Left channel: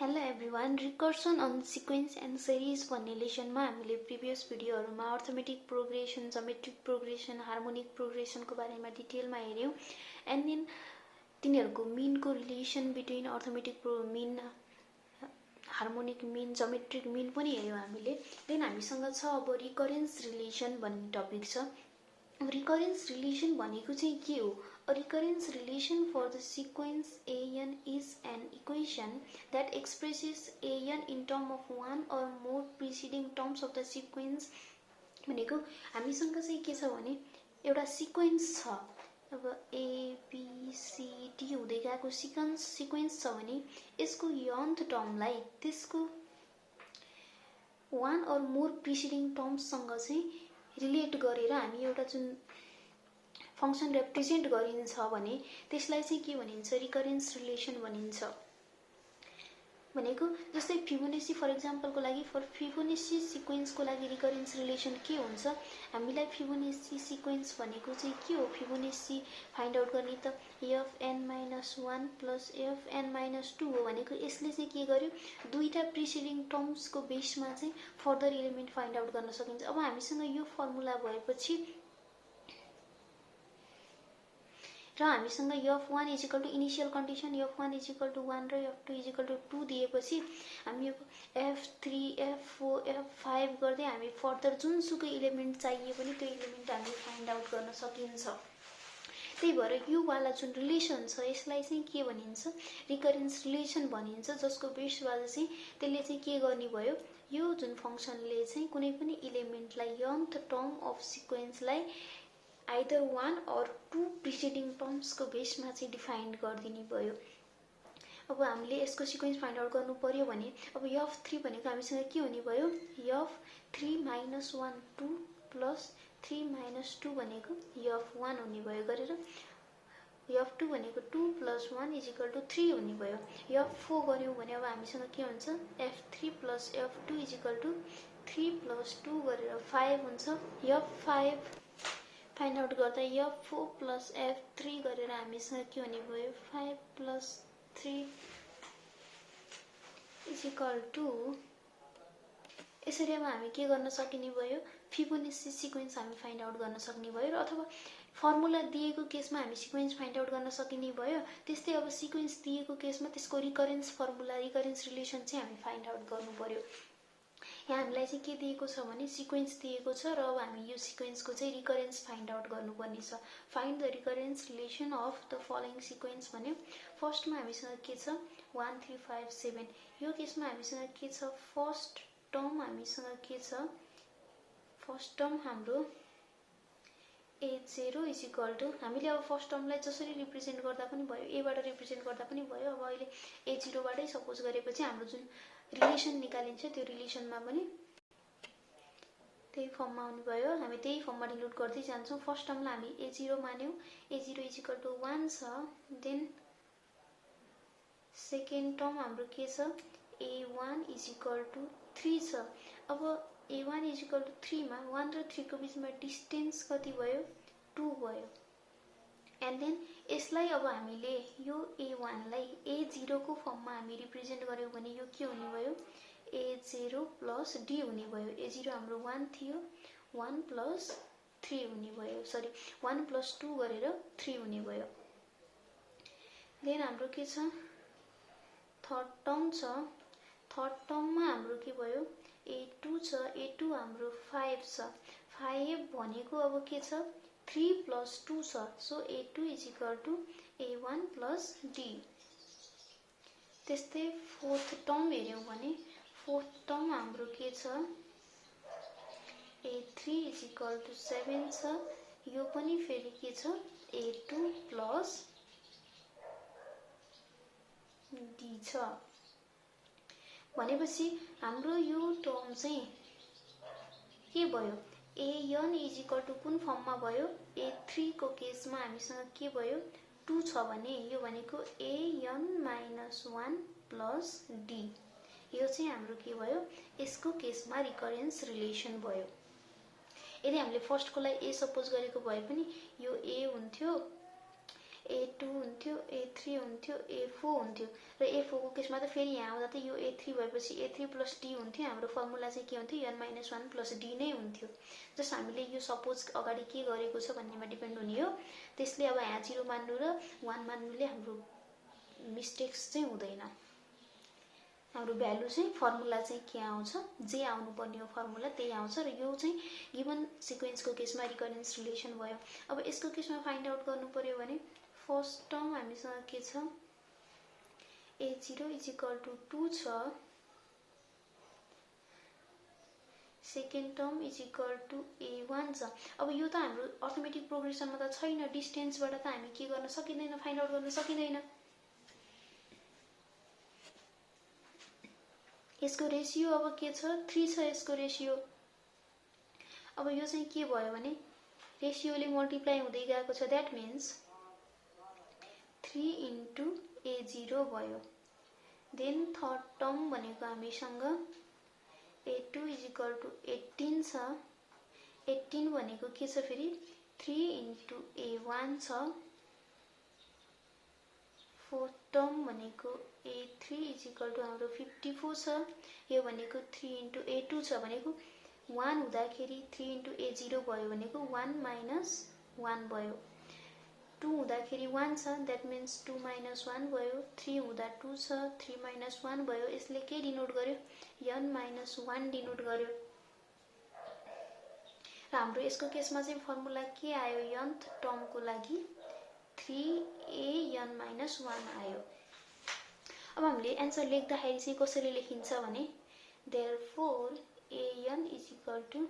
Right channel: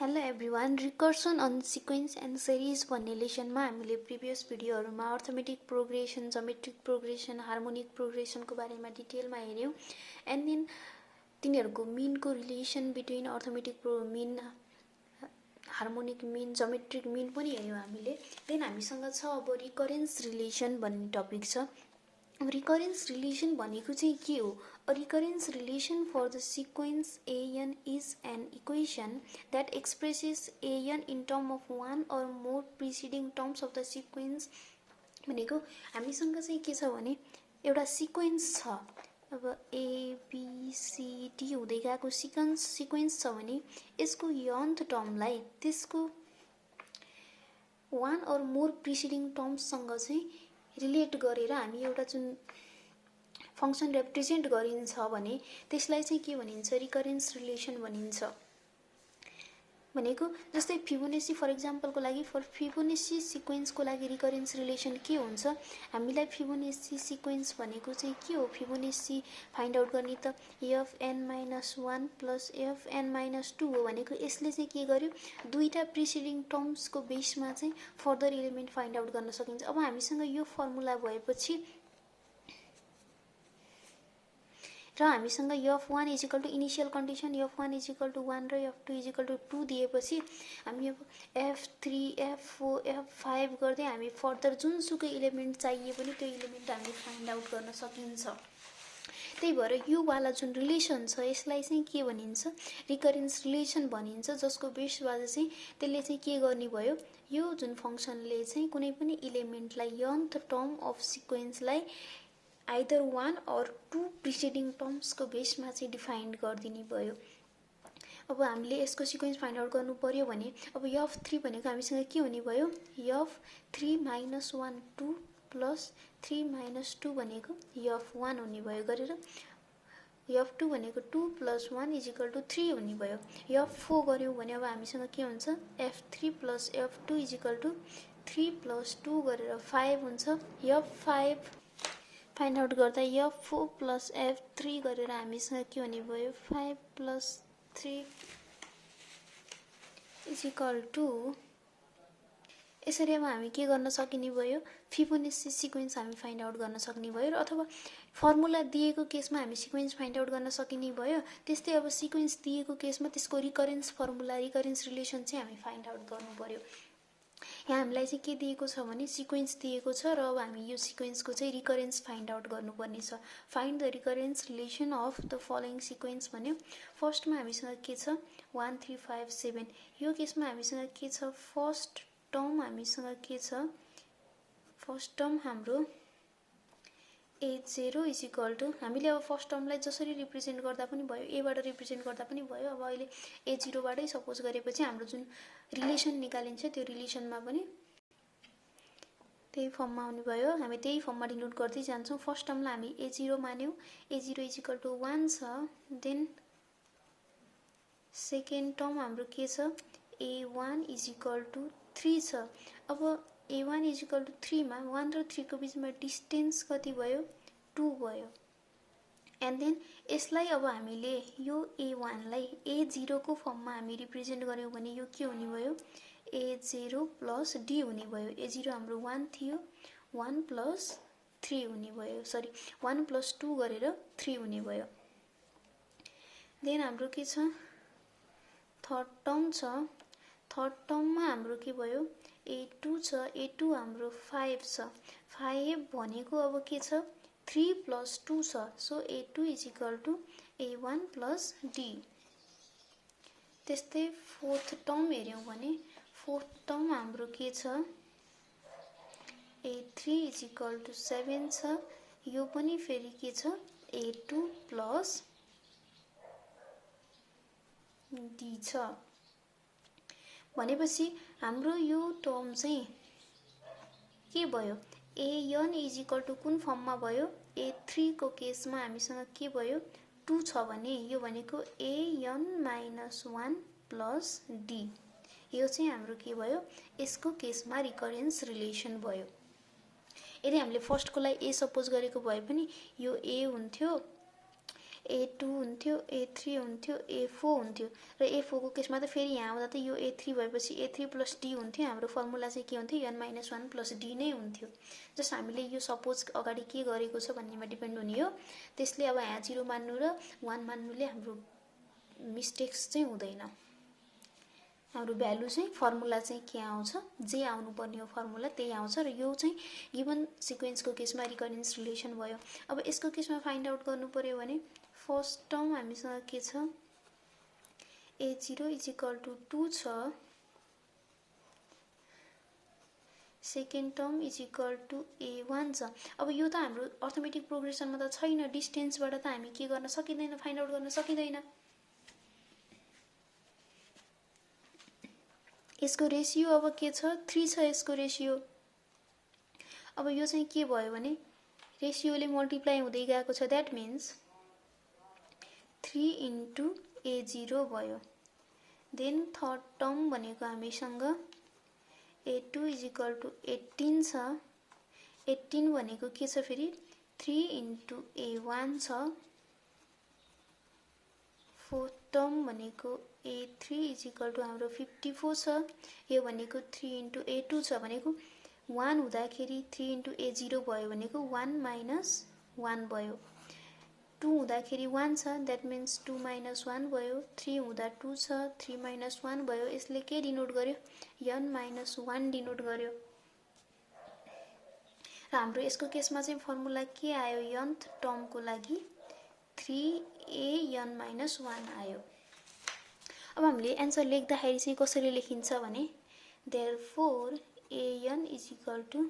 Hello everyone, recursion on sequence and series भन्ने लेसनमा हामीले प्रिभियस भिडियोहरूमा arithmetic progression, geometric progression, harmonic प्रोग्रेसनको बारेमा डिटेलमा हेऱ्यौँ। एन्ड देन तिनीहरूको मिनको relation between arithmetic mean, harmonic mean, geometric mean पनि हेऱ्यौँ हामीले। देन हामीसँग छ अब रिकरेन्स रिलेसन भन्ने टपिक छ। रिकरेन्स रिलेसन भनेको चाहिँ के हो? A recurrence relation for the sequence an is an equation that expresses an in terms of one or more preceding terms of the sequence। भनेको हामीसँग चाहिँ के छ भने एउटा सिक्वेन्स छ। अब ABCD हुँदै गएको सिक्वेन्स छ भने यसको nth टर्मलाई त्यसको वान और मोर प्रिसिडिङ टर्म्ससँग चाहिँ रिलेट गरेर हामी एउटा जुन फंक्सन रिप्रेजेन्ट गरिन्छ भने त्यसलाई चाहिँ के भनिन्छ? रिकरेन्स रिलेसन भनिन्छ। भनेको जस्तै फिबोनाची फर एक्जाम्पलको लागि फिबोनाची सिक्वेन्सको लागि रिकरेन्स रिलेसन के हुन्छ? हामीलाई फिबोनाची सिक्वेन्स भनेको चाहिँ के हो? फिबोनाची फाइन्ड आउट गर्ने त fn-1 प्लस fn-2 हो। भनेको यसले चाहिँ के गर्यो? दुईटा प्रिसिडिङ टर्म्सको बेसमा चाहिँ फर्दर एलिमेन्ट फाइन्ड आउट गर्न सकिन्छ। अब हामीसँग यो फर्मुला भएपछि र हामीसँग f1 is equal to initial condition f1 is equal to 1 र f2 इजिकल टू 2 दिएपछि हामी f3 f4 f5 गर्दै हामी फर्दर जुनसुकै इलिमेन्ट चाहिए पनि त्यो इलिमेन्ट हामी फाइन्ड आउट गर्न सकिन्छ। त्यही भएर यो वाला जुन रिलेसन छ यसलाई चाहिँ के भनिन्छ? रिकरेन्स रिलेसन भनिन्छ, जसको बेसबाट चाहिँ त्यसले चाहिँ के गर्ने भयो? यो जुन फंक्सनले चाहिँ कुनै पनि इलिमेन्टलाई nth टर्म अफ सिक्वेन्सलाई either one or two preceding टर्म्सको बेसमा चाहिँ डिफाइन गरिदिने भयो। अब हामीले यसको सिक्वेन्स फाइन्ड आउट गर्नु पर्यो भने अब f3 भनेको हामीसँग के हुने भयो? f3-1 2 प्लस 3-2 भनेको f1 हुने भयो गरेर f2 भनेको 2 प्लस 1 इजिकल टू 3 हुने भयो। f4 गऱ्यौँ भने अब हामीसँग के हुन्छ? f3 plus f2 equal two 3 plus 2 गरेर 5 हुन्छ। f5 फाइन्ड आउट गर्दा f4 प्लस f3 गरेर हामीसँग के हुने भयो? 5 प्लस 3 इजिकल टू, यसरी अब हामी के गर्न सकिने भयो? फिबोनाची सिक्वेन्स हामी फाइन्ड आउट गर्न सक्ने भयो। अथवा फर्मुला दिएको केसमा हामी सिक्वेन्स फाइन्ड आउट गर्न सकिने भयो। त्यस्तै अब सिक्वेन्स दिएको केसमा त्यसको रिकरेन्स फर्मुला, रिकरेन्स रिलेसन चाहिँ हामी फाइन्ड आउट गर्नु पर्यो। यहाँ हामीलाई चाहिँ के दिएको छ भने सिक्वेन्स दिएको छ र अब हामी यो सिक्वेन्सको चाहिँ रिकरेन्स फाइन्ड आउट गर्नुपर्ने छ। Find the recurrence relation of the following sequence भन्यो। फर्स्टमा हामीसँग के छ? 1 3 5 7। यो केसमा हामीसँग के छ? फर्स्ट टर्म हामीसँग के छ? फर्स्ट टर्म हाम्रो a0 इजिकल टू, हामीले अब फर्स्ट टर्मलाई जसरी रिप्रेजेन्ट गर्दा पनि भयो, एबाट रिप्रेजेन्ट गर्दा पनि भयो। अब अहिले a0बाटै सपोज गरेपछि हाम्रो जुन रिलेसन निकालिन्छ त्यो रिलेसनमा पनि त्यही फर्ममा आउने भयो। हामी त्यही फर्ममा डिनोट गर्दै जान्छौँ। फर्स्ट टर्मलाई हामी a0 मान्यौँ, a0 इजिकल टू 1 छ। देन सेकेन्ड टर्म हाम्रो के छ? a1 इजिकल टू 3 छ। अब a1 इजिकल टू 3 मा 1 र 3 को बिचमा डिस्टेन्स कति भयो? 2 भयो। एन्ड देन यसलाई अब हामीले यो a1 लाई a0 को फर्ममा हामी रिप्रेजेन्ट गर्यौँ भने यो के हुने भयो? a0 प्लस d हुने भयो। a0 हाम्रो 1 थियो, 1 प्लस 3 हुने भयो, सरी 1 प्लस 2 गरेर 3 हुने भयो। देन हाम्रो के छ? थर्ड टर्म छ। थर्ड टर्ममा हाम्रो के भयो? a2 छ। a2 हाम्रो 5 छ। 5 भनेको अब के छ? 3 प्लस 2 छ। So a2 is equal to a1 plus d। त्यस्तै फोर्थ टर्म हेऱ्यौँ भने फोर्थ टर्म हाम्रो के छ? a3 इजिकल टू 7 छ। यो पनि फेरि के छ? a2 प्लस d छ। भनेपछि हाम्रो यो टर्म चाहिँ के भयो? an इजिकल टू कुन फर्ममा भयो? a3 को केसमा हामीसँग के भयो? 2 छ भने यो भनेको an-1 प्लस d। यो चाहिँ हाम्रो के भयो? यसको केसमा रिकरेन्स रिलेसन भयो। यदि हामीले फर्स्टको लागि a सपोज गरेको भए पनि यो a हुन्थ्यो, A2 हुन्थ्यो, A3 हुन्थ्यो, A4 हुन्थ्यो र A4 को केसमा त फेरि यहाँ आउँदा त यो A3 भएपछि A3 प्लस D हुन्थ्यो। हाम्रो फर्मुला चाहिँ के हुन्थ्यो, n माइनस 1 प्लस D नै हुन्थ्यो। जस्ट हामीले यो सपोज अगाडि के गरेको छ भन्नेमा डिपेन्ड हुने हो। त्यसले अब यहाँ 0 मान्नु र 1 मान्नुले हाम्रो मिस्टेक्स चाहिँ हुँदैन। हाम्रो भ्यालु चाहिँ फर्मुला चाहिँ के आउँछ, जे आउनुपर्ने हो फर्मुला त्यही आउँछ र यो चाहिँ गिभन सिक्वेन्सको केसमा रिकरेन्स रिलेसन भयो। अब यसको केसमा फाइन्ड आउट गर्नु पर्यो भने फर्स्ट टर्म हामीसँग के छ, A0 इज इक्वल टु 2 छ, second term is equal to A1 छ। अब यो त हाम्रो अर्थमेटिक प्रोग्रेसनमा त छैन, डिस्टेन्सबाट त हामी के गर्न सकिँदैन, फाइन्ड आउट गर्न सकिँदैन। यसको रेसियो अब के छ, 3 छ यसको रेसियो। अब यो चाहिँ के भयो भने रेसियोले मल्टिप्लाई हुँदै गएको छ, द्याट मिन्स 3 इन्टु A0 भयो। देन थर्ड टर्म भनेको हामीसँग A2 इज इक्वल टु 18 छ। 18 भनेको के छ फेरि 3 इन्टु A1 छ। फोर्थ टर्म भनेको A3 इज इक्वल टु हाम्रो 54 छ। यो भनेको 3 इन्टु A2 छ भनेको 1 हुँदाखेरि 3 इन्टु A0 भयो भनेको 1 माइनस 1 भयो। 2 हुँदाखेरि 1 छ, द्याट मिन्स 2 माइनस 1 भयो। 3 हुँदा 2 छ, 3 माइनस 1 भयो। यसले के डिनोट गर्यो, n माइनस 1 डिनोट गर्यो। र हाम्रो यसको केसमा चाहिँ फर्मुला के आयो, nth टर्मको लागि 3an माइनस 1 आयो। अब हामीले एन्सर लेख्दाखेरि चाहिँ कसरी लेखिन्छ भने therefore an is equal to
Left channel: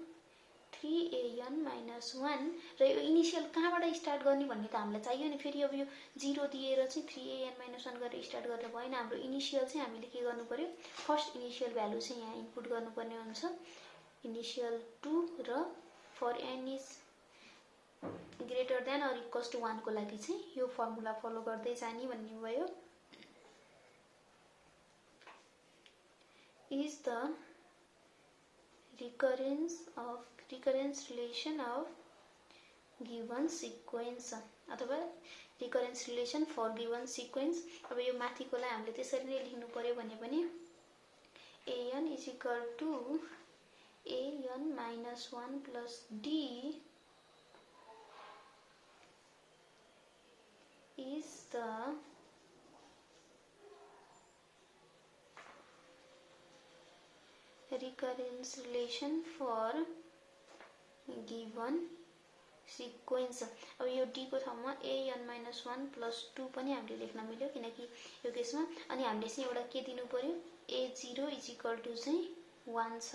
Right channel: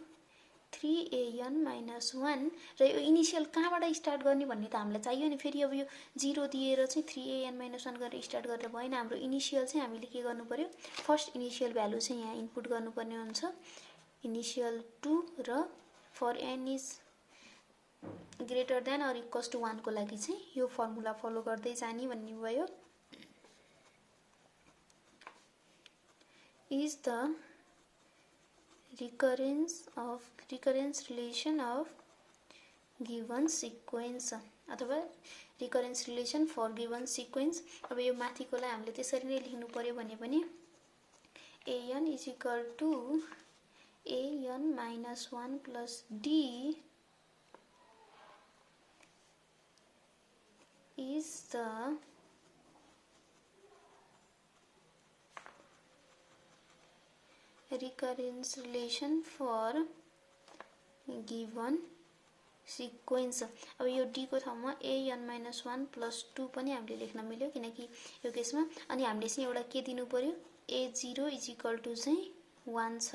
3an माइनस 1 र यो इनिसियल कहाँबाट स्टार्ट गर्ने भन्ने त हामीलाई चाहियो नि। फेरि अब यो 0 दिएर चाहिँ 3an माइनस 1 गरेर स्टार्ट गर्दा भएन। हाम्रो इनिसियल चाहिँ हामीले के गर्नु पर्यो, फर्स्ट इनिसियल भ्यालु चाहिँ यहाँ इनपुट गर्नुपर्ने हुन्छ, इनिसियल 2 र for n is greater than or equals to 1 को लागि चाहिँ यो फर्मुला फलो गर्दै जाने भन्ने भयो। Is the recurrence relation of given sequence अथवा recurrence relation for given sequence। अब यो माथिकोलाई हामीले त्यसरी नै लेख्नु पर्यो भने पनि an is equal to an minus 1 plus d is the recurrence relation for given sequence। अब यो d को ठाउँमा an minus 1 plus 2 पनि हामीले लेख्न मिल्यो किनकि यो केसमा। अनि हामीले चाहिँ एउटा के दिनु पर्यो, A0 इज इक्वल टु चाहिँ 1 छ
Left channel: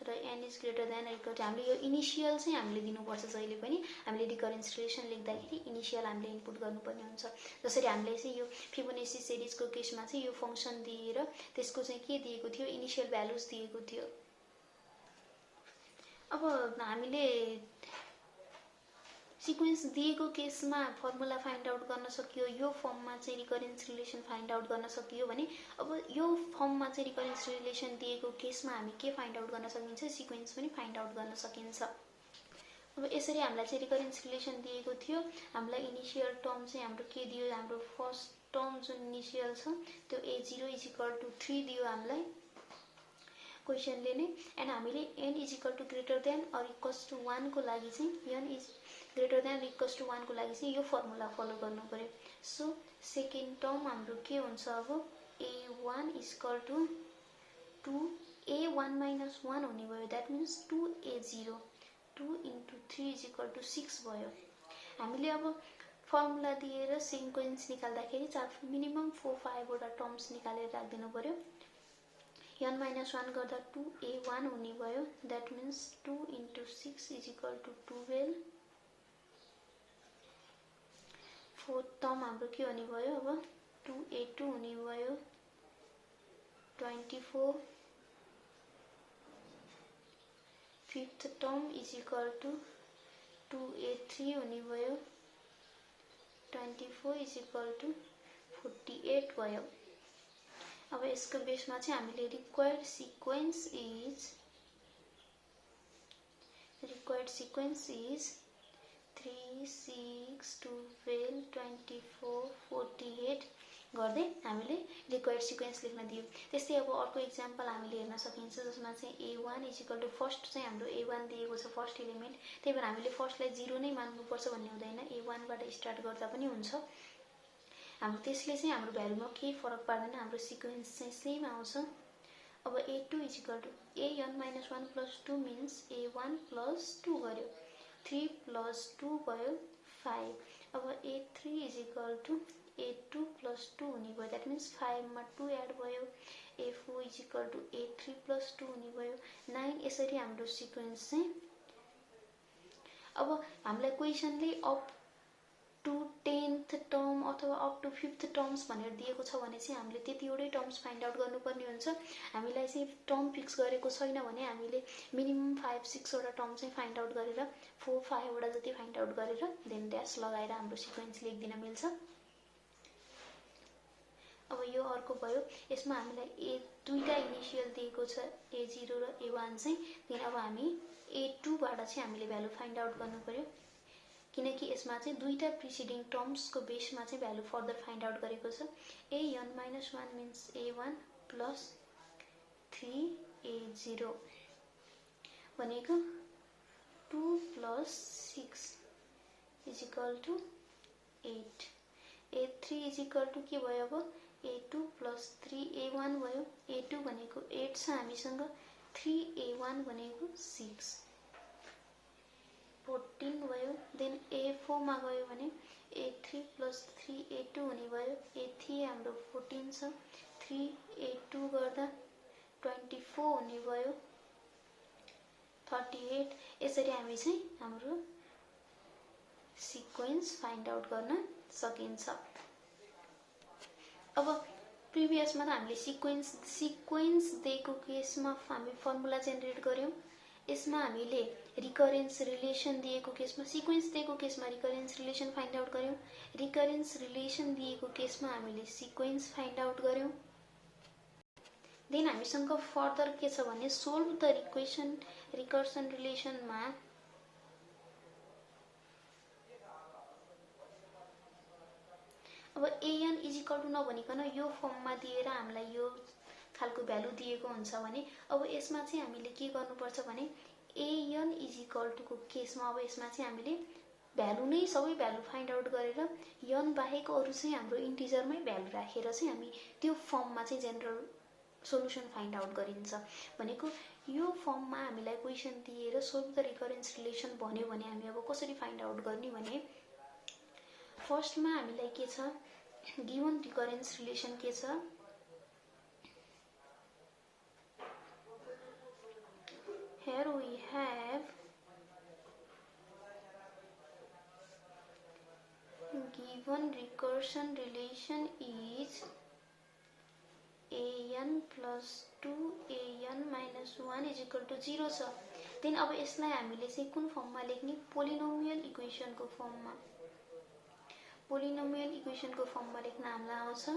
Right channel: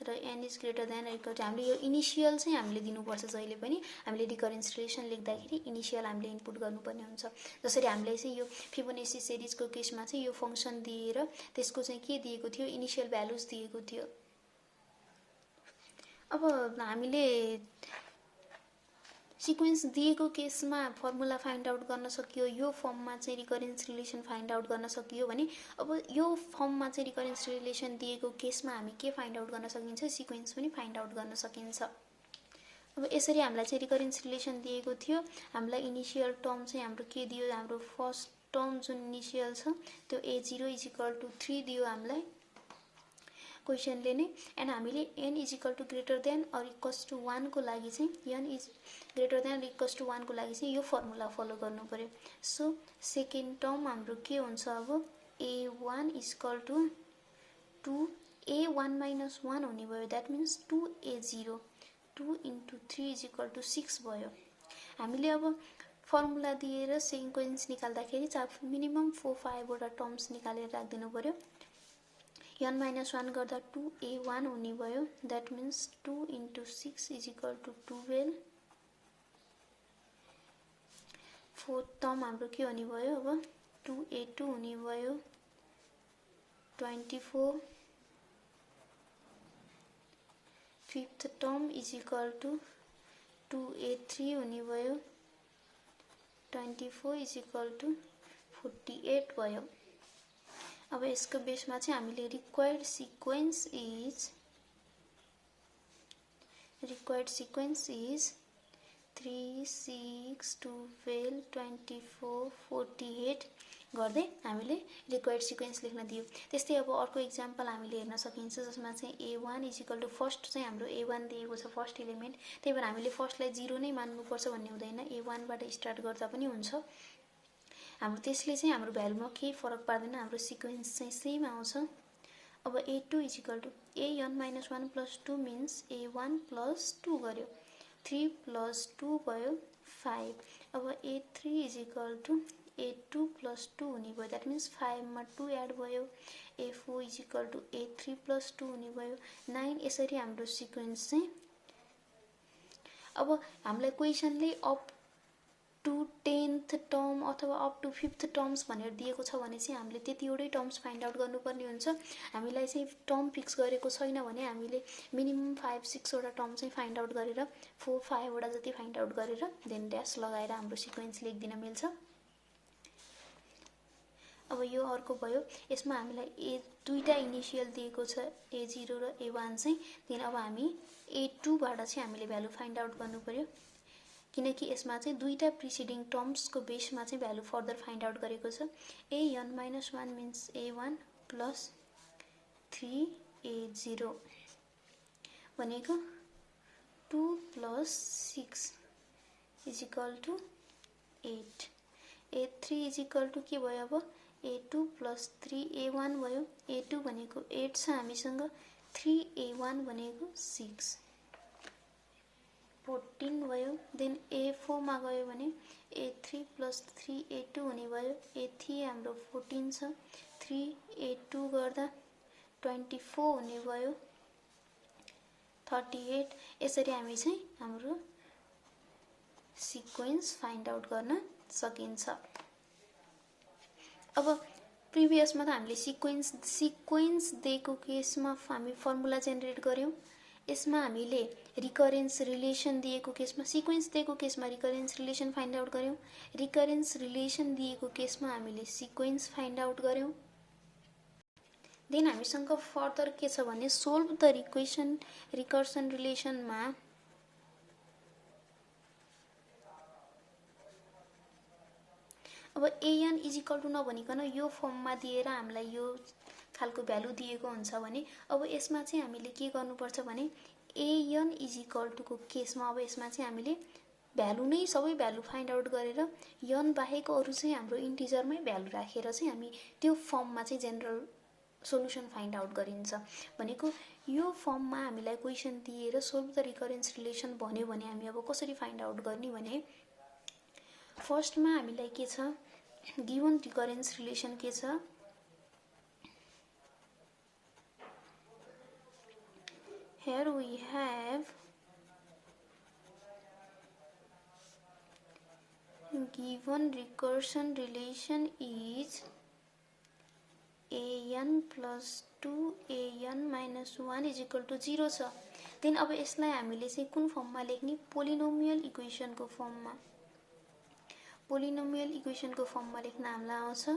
र n is greater than equal to, हामीले यो इनिसियल चाहिँ हामीले दिनुपर्छ। जहिले पनि हामीले रिकरेन्स रिलेसन लेख्दाखेरि इनिसियल हामीले इनपुट गर्नुपर्ने हुन्छ। जसरी हामीले चाहिँ यो फिबोनाची सिरिजको केसमा चाहिँ यो फंक्सन दिएर त्यसको चाहिँ के दिएको थियो, इनिसियल भ्यालुज दिएको थियो। अब हामीले सिक्वेन्स दिएको केसमा फर्मुला फाइन्ड आउट गर्न सकियो, यो फर्ममा चाहिँ रिकरेन्स रिलेसन फाइन्ड आउट गर्न सकियो भने अब यो फर्ममा चाहिँ रिकरेन्स रिलेसन दिएको केसमा हामी के फाइन्ड आउट गर्न सकिन्छ, सिक्वेन्स पनि फाइन्ड आउट गर्न सकिन्छ। अब यसरी हामीलाई चाहिँ रिकरेन्स रिलेसन दिएको थियो। हामीलाई इनिसियल टर्म चाहिँ हाम्रो के दियो, हाम्रो फर्स्ट टर्म जुन इनिसियल छ त्यो A0 इज इक्वल टु 3 दियो हामीलाई क्वेसनले नै। एन्ड हामीले n is equal to greater than or equals to 1 को लागि चाहिँ n is greater than equals to 1 को लागि चाहिँ यो फर्मुला फलो गर्नु पर्यो। सो सेकेन्ड टर्म हाम्रो के हुन्छ, अब A1 is equal to 2a1 minus 1 हुने भयो, that means 2a0, 2 into 3 is equal to 6 भयो। हामीले अब फर्मुला दिएर सिक्वेन्स निकाल्दाखेरि मिनिमम 4-5 वटा टर्म्स निकालेर राखिदिनु पर्यो। n माइनस 1 गर्दा 2a1 हुने भयो, that means 2 into 6 is equal to 12। Fourth term हाम्रो के हुने भयो, अब 2a2 हुने भयो 24। Fifth term is equal to 2a3 हुने भयो 24 इज इक्वल टु 48 भयो। अब यसको बेसमा चाहिँ हामीले रिक्वायर्ड सिक्वेन्स इज 3, 6, 12, 24, 48 गर्दै हामीले रिक्वायर्ड सिक्वेन्स लेख्न दियो। त्यस्तै अब अर्को इक्जाम्पल हामीले हेर्न सकिन्छ जसमा चाहिँ A1 इजिकल टु फर्स्ट चाहिँ हाम्रो A1 दिएको छ फर्स्ट इलिमेन्ट, त्यही भएर हामीले फर्स्टलाई 0 नै मान्नुपर्छ भन्ने हुँदैन, A1 बाट स्टार्ट गर्दा पनि हुन्छ। हाम्रो त्यसले चाहिँ हाम्रो भ्यालुमा केही फरक पार्दैन, हाम्रो सिक्वेन्स चाहिँ सेम आउँछ। अब A2 equal to an - 1 + 2 means A1 + 2 गर्यो, 3 + 2 भयो 5। अब A3 इजिकल टु A2 + 2 हुने भयो, द्याट मिन्स 5 मा 2 एड भयो। A4 इजिकल टु A3 + 2 हुने भयो 9। यसरी हाम्रो सिक्वेन्स चाहिँ, अब हामीलाई क्वेसनले अप टु 10th टर्म अथवा अप टु 5th टर्म्स भनेर दिएको छ भने चाहिँ हामीले त्यतिवटै टर्म्स फाइन्ड आउट गर्नुपर्ने हुन्छ। हामीलाई चाहिँ टर्म फिक्स गरेको छैन भने हामीले मिनिमम 5-6 वटा टर्म चाहिँ फाइन्ड आउट गरेर 4-5 वटा जति फाइन्ड आउट गरेर देन ड्यास लगाएर हाम्रो सिक्वेन्स लेखिदिन मिल्छ। अब यो अर्को भयो, यसमा हामीलाई दुईटा इनिसियल दिएको छ A0 र A1 चाहिँ, त्यहाँदेखि अब हामी A2 बाट चाहिँ हामीले भ्यालु फाइन्ड आउट गर्नु पर्यो, किनकि यसमा चाहिँ दुईटा प्रिसिडिङ टर्म्सको बेसमा चाहिँ भ्यालु फर्दर फाइन्ड आउट गरेको छ। an - 1 मिन्स A1 + 3A0 भनेको 2 + 6 equal to 8। A3 equal to के भयो, अब A2 + 3A1 भयो। A2 भनेको 8 छ हामीसँग, 3A1 भनेको 6, 14 भयो। देन A4 मा गयो भने A3 + 3A2 हुने भयो, A3 हाम्रो 14 छ, 3A2 गर्दा 24 हुने भयो 38। यसरी हामी चाहिँ हाम्रो सिक्वेन्स फाइन्ड आउट गर्न सकिन्छ। अब प्रिभियसमा त हामीले सिक्वेन्स दिएको केसमा हामी फर्मुला जेनेरेट गर्यौं, यसमा हामीले रिकरेन्स रिलेसन दिएको केसमा, सिक्वेन्स दिएको केसमा रिकरेन्स रिलेसन फाइन्ड आउट गर्यौं, रिकरेन्स रिलेसन दिएको केसमा हामीले सिक्वेन्स फाइन्ड आउट गर्यौं। देन हामीसँग फर्दर के छ भने सोल्भ द रिकर्सन रिलेसनमा अब an इजिकल टु नभनिकन यो फर्ममा दिएर हामीलाई यो खालको भ्यालु दिएको हुन्छ भने अब यसमा चाहिँ हामीले के गर्नुपर्छ भने an इजिकल टु को केसमा अब यसमा चाहिँ हामीले भ्यालु नै सबै भ्यालु फाइन्ड आउट गरेर n बाहेक अरु चाहिँ हाम्रो इन्टिजरमै भ्यालु राखेर चाहिँ हामी त्यो फर्ममा चाहिँ जेनरल सोलुसन फाइन्ड आउट गरिन्छ। भनेको यो फर्ममा हामीलाई क्वेशन दिएर सोल्भ द रिकरेन्स रिलेसन भन्यो भने हामी अब कसरी फाइन्ड आउट गर्ने भने फर्स्टमा हामीलाई के छ, गिवन रिकरेन्स रिलेसन के छ, here we have given recursion relation is an + 2an - 1 equal to 0 छ। देन अब यसलाई हामीले चाहिँ कुन फर्ममा लेख्ने, पोलिनोमियल इक्वेसनको फर्ममा, पोलिनोमियल इक्वेसनको फर्ममा लेख्न हामीलाई आउँछ।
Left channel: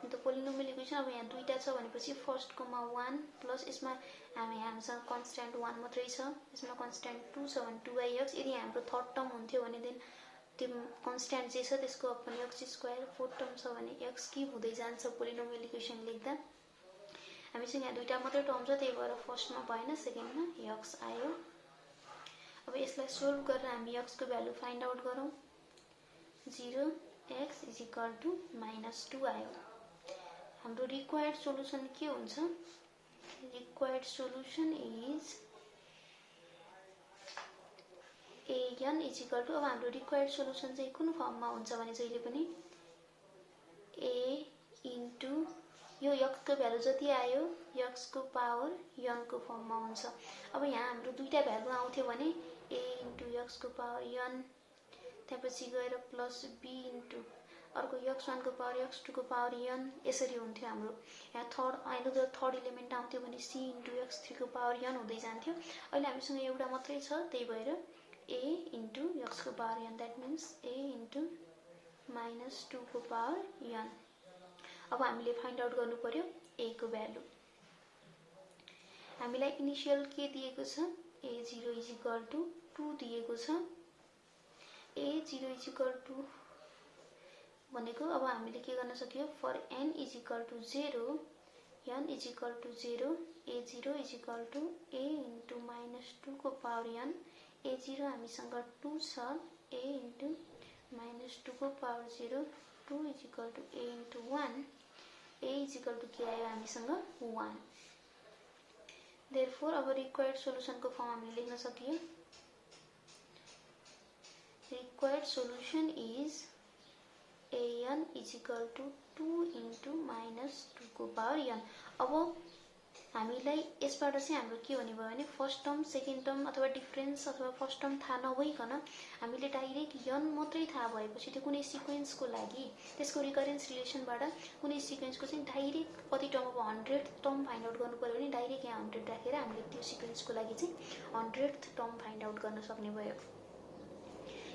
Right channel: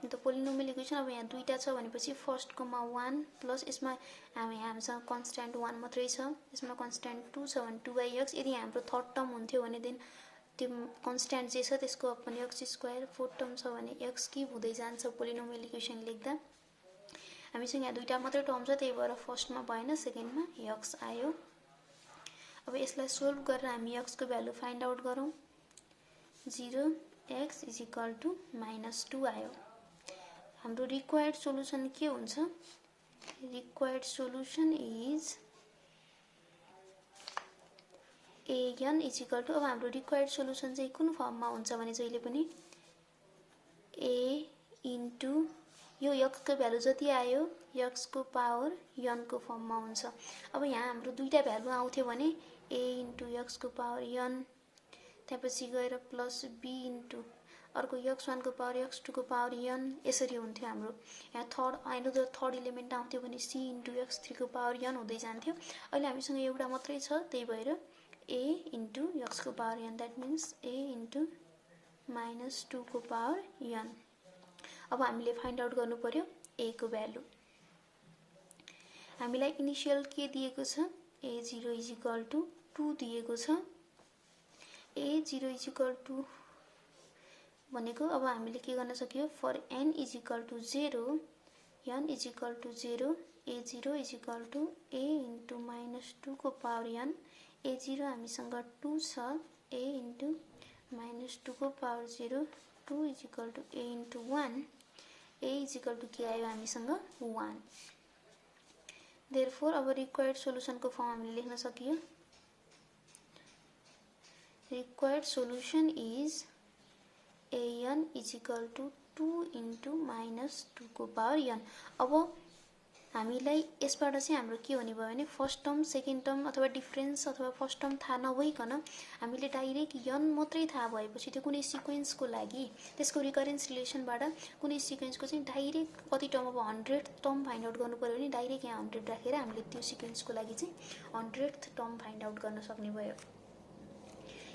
अन्त पोलिनोमियल इक्वेसन अब यहाँ दुईटा छ भनेपछि फर्स्टकोमा 1 प्लस यसमा हामीसँग कन्स्ट्यान्ट 1 मात्रै छ, यसमा कन्स्ट्यान्ट 2 छ भने 2x, यदि हाम्रो थर्ड टर्म हुन्थ्यो भने देन त्यो कन्स्ट्यान्ट जे छ त्यसको अपन x², फोर्थ टर्म छ भने x क्यूब हुँदै जान्छ पोलिनोमियल इक्वेसन लेख्दा। हामीसँग यहाँ दुईटा मात्रै टर्म छ, त्यही भएर फर्स्टमा भएन, सेकेन्डमा x आयो। अब यसलाई सोल्भ गरेर हामी x को भ्यालु फाइन्ड आउट गरौँ, 0x इजिकल टु -2 आयो। हाम्रो रिक्वायर्ड सोलुसन के हुन्छ, required solution is an is equal to, अब हाम्रो रिक्वायर्ड सोलुसन चाहिँ कुन फर्ममा हुन्छ भने जहिले पनि a इन्टु यो x को भ्यालु जति आयो x को पावर n को फर्ममा हुन्छ। अब यहाँ हाम्रो दुईटा भ्यालु आउँथ्यो भने a इन्टु x को पावर n, त्यसपछि गएर प्लस b इन्टु अर्को x1 को पावर x2 को पावर n, यसरी हुन्थ्यो हाम्रो। यहाँ थर्ड इलिमेन्ट आउँथ्यो भने c इन्टु x3 को पावर n हुँदै जान्थ्यो। अहिले हामीसँग एउटा मात्रै छ, त्यही भएर a इन्टु x को power n, that means a into -2 को पावर n। अब हामीले फाइन्ड आउट गर्नु पर्यो a को भ्यालु। हामीलाई इनिशियल के दिएको छ, a0 इजिकल टु 2 दिएको छ। a0 इज इक्वल टू भनेको अब हामीले के गर्न सक्यो for n is equal to 0 n is equal to 0 a0 is equal to a into -2 को पावर n a0 हामीसँग 2 छ a इन्टु -2 को power 0 2 is equal to a into 1 a is equal to के आयो हामीसँग 1 देयरफोर अब required solution को form हामीले लेख्न सकियो required solution is an is equal to 2 into -2 को पावर n अब हामीलाई यसबाट चाहिँ हाम्रो के हुने भयो भने फर्स्ट टर्म सेकेन्ड टर्म अथवा डिफरेन्स अथवा फर्स्ट टर्म थाहा नभइकन हामीले डाइरेक्ट n मात्रै थाहा भएपछि त्यो कुनै सिक्वेन्सको लागि त्यसको रिकरेन्स रिलेसनबाट कुनै सिक्वेन्सको चाहिँ डाइरेक्ट कति टर्म अब 100 टर्म फाइन्ड आउट गर्नु पर्यो भने डाइरेक्ट यहाँ 100 राखेर हामीले त्यो सिक्वेन्सको लागि चाहिँ 100th टर्म फाइन्ड आउट गर्न सक्ने भयो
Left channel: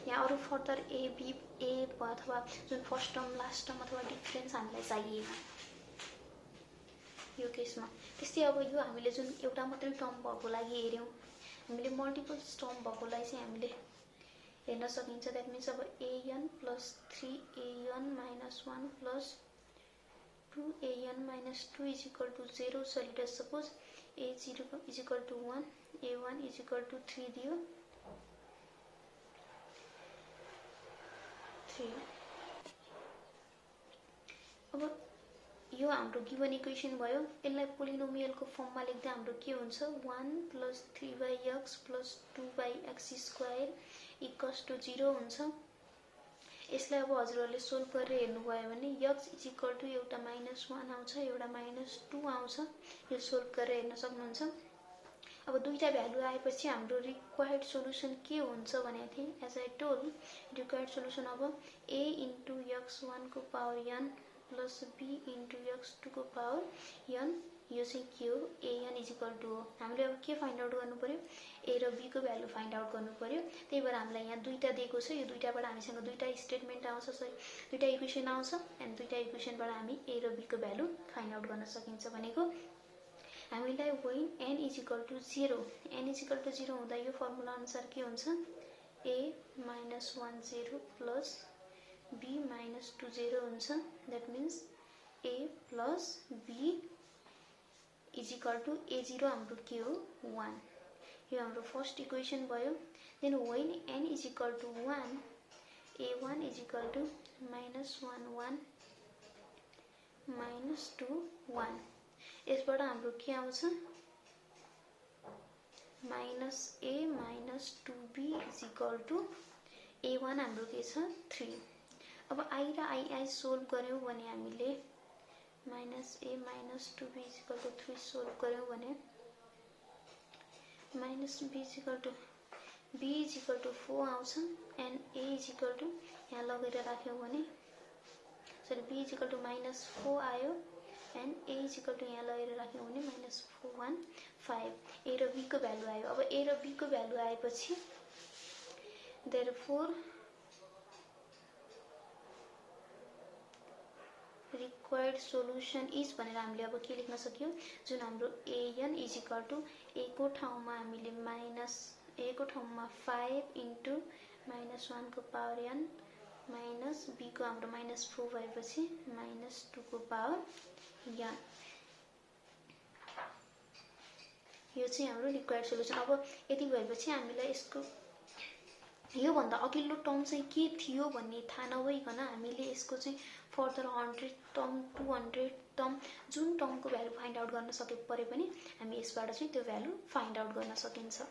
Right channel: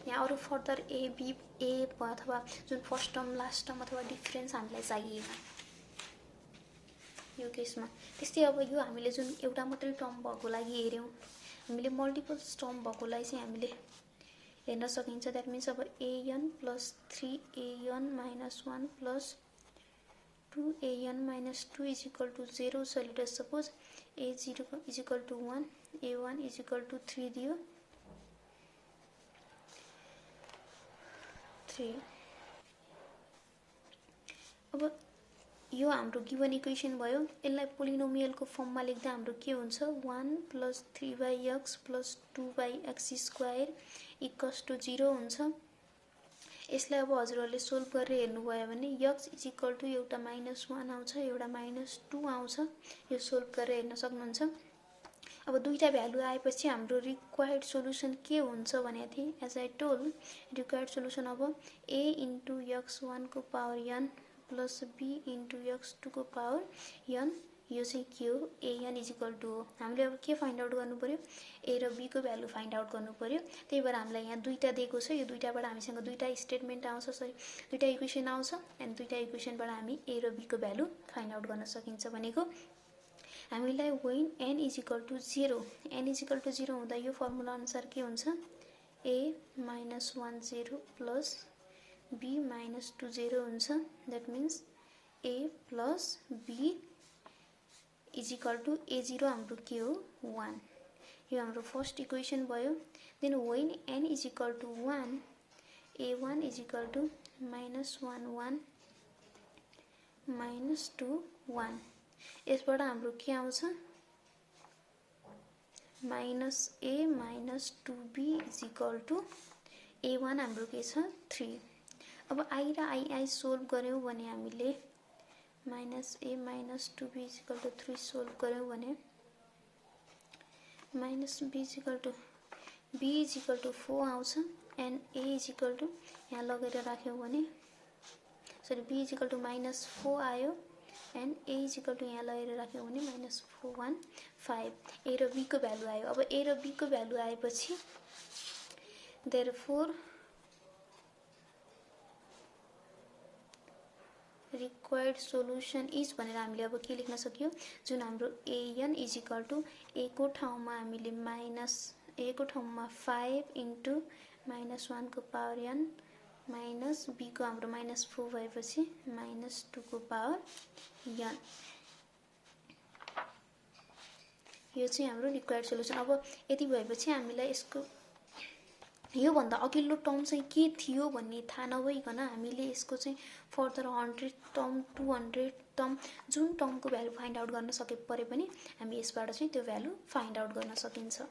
यहाँ अरु फर्दर ए बी ए अथवा जुन फर्स्ट टर्म लास्ट टर्म अथवा डिफरेन्स हामीलाई चाहिएन यो केसमा त्यस्तै अब यो हामीले जुन एउटा मात्रै टर्म भएको लागि हेर्यौं हामीले मल्टिपल टर्म भएकोलाई चाहिँ हामीले हेर्न सकिन्छ दैट मिन्स अब an plus 3an minus 1 plus 2an minus 2 is equal to 0 so let us suppose a0 is equal to 1 a1 is equal to 3 दियो 3 अब यो हाम्रो गिवन इक्वेसन भयो यसलाई पोलिनोमियलको फर्ममा लेख्दा हाम्रो के हुन्छ 1 plus 3x plus 2x square equals to 0 हुन्छ यसलाई अब हजुरहरुले सोल्भ गरेर हेर्नुभयो भने x इज इक्वल टु एउटा -1 आउँछ एउटा -2 आउँछ यो सोल्भ गरेर हेर्न सक्नुहुन्छ अब दुईटा भ्यालु आएपछि हाम्रो रिक्वायर्ड सोलुसन के हुन्छ भने थिए as I told required solution अब a इन्टु x1 को power n plus b into x2 को पावर n यो चाहिँ के हो an इज इक्वल टु हो हामीले अब के फाइन्ड आउट गर्नु पर्यो a र b को भ्यालु फाइन्ड आउट गर्नु पर्यो त्यही भएर हामीलाई यहाँ दुईटा दिएको छ यो दुईटाबाट हामीसँग दुईटा स्टेटमेन्ट आउँछ सरी दुईटा इक्वेसन आउँछ एन्ड दुईटा इक्वेसनबाट हामी a र b को भ्यालु फाइन्ड आउट गर्न सकिन्छ भनेको हामीलाई when n is equal to 0 n is equal to 0 हुँदा यो फर्मुला अनुसार के हुन्छ a -1 0 प्लस b -2 0 हुन्छ that means a plus b is equal to a0 हाम्रो के हो 1 यो हाम्रो फर्स्ट इक्वेसन भयो then when n is equal to 1 a1 is equal to -1 1 -2 1 यसबाट हाम्रो के आउँछ -a -2b is equal to a1 हाम्रो के छ 3 अब i र i सोल्भ गर्यौं भने हामीले -a -2b is equal to 3 solve गर्यौं भने -b is equal to b is equal to 4 आउँछ and a is equal to यहाँ लगेर राख्यौं भने sorry b is equal to -4 आयो and a is equal to यहाँ लगेर राख्यौं भने -415 a र b को भ्यालु आयो अब a र b को भ्यालु आएपछि देयरफोर रिक्वायर्ड सोलुसन इज भनेर हामीले अब के लेख्न सक्यौ जुन हाम्रो an is equal to a को ठाउँमा हामीले a को ठाउँमा 5 इन्टु -1 को पावर n माइनस b को हाम्रो -4 भएपछि -2 को पावर n यो चाहिँ हाम्रो रिक्वायर्ड सोलुसन अब यति भएपछि हामीलाई यसको यो भन्दा अघिल्लो टर्म चाहिँ के थियो भन्ने थाहा नभइकन हामीले यसको चाहिँ फर्दर 100 टर्म 200 टर्म जुन टर्मको भ्यालु फाइन्ड आउट गर्न सके परे पनि हामी यसबाट चाहिँ त्यो भ्यालु फाइन्ड आउट गर्न सकिन्छ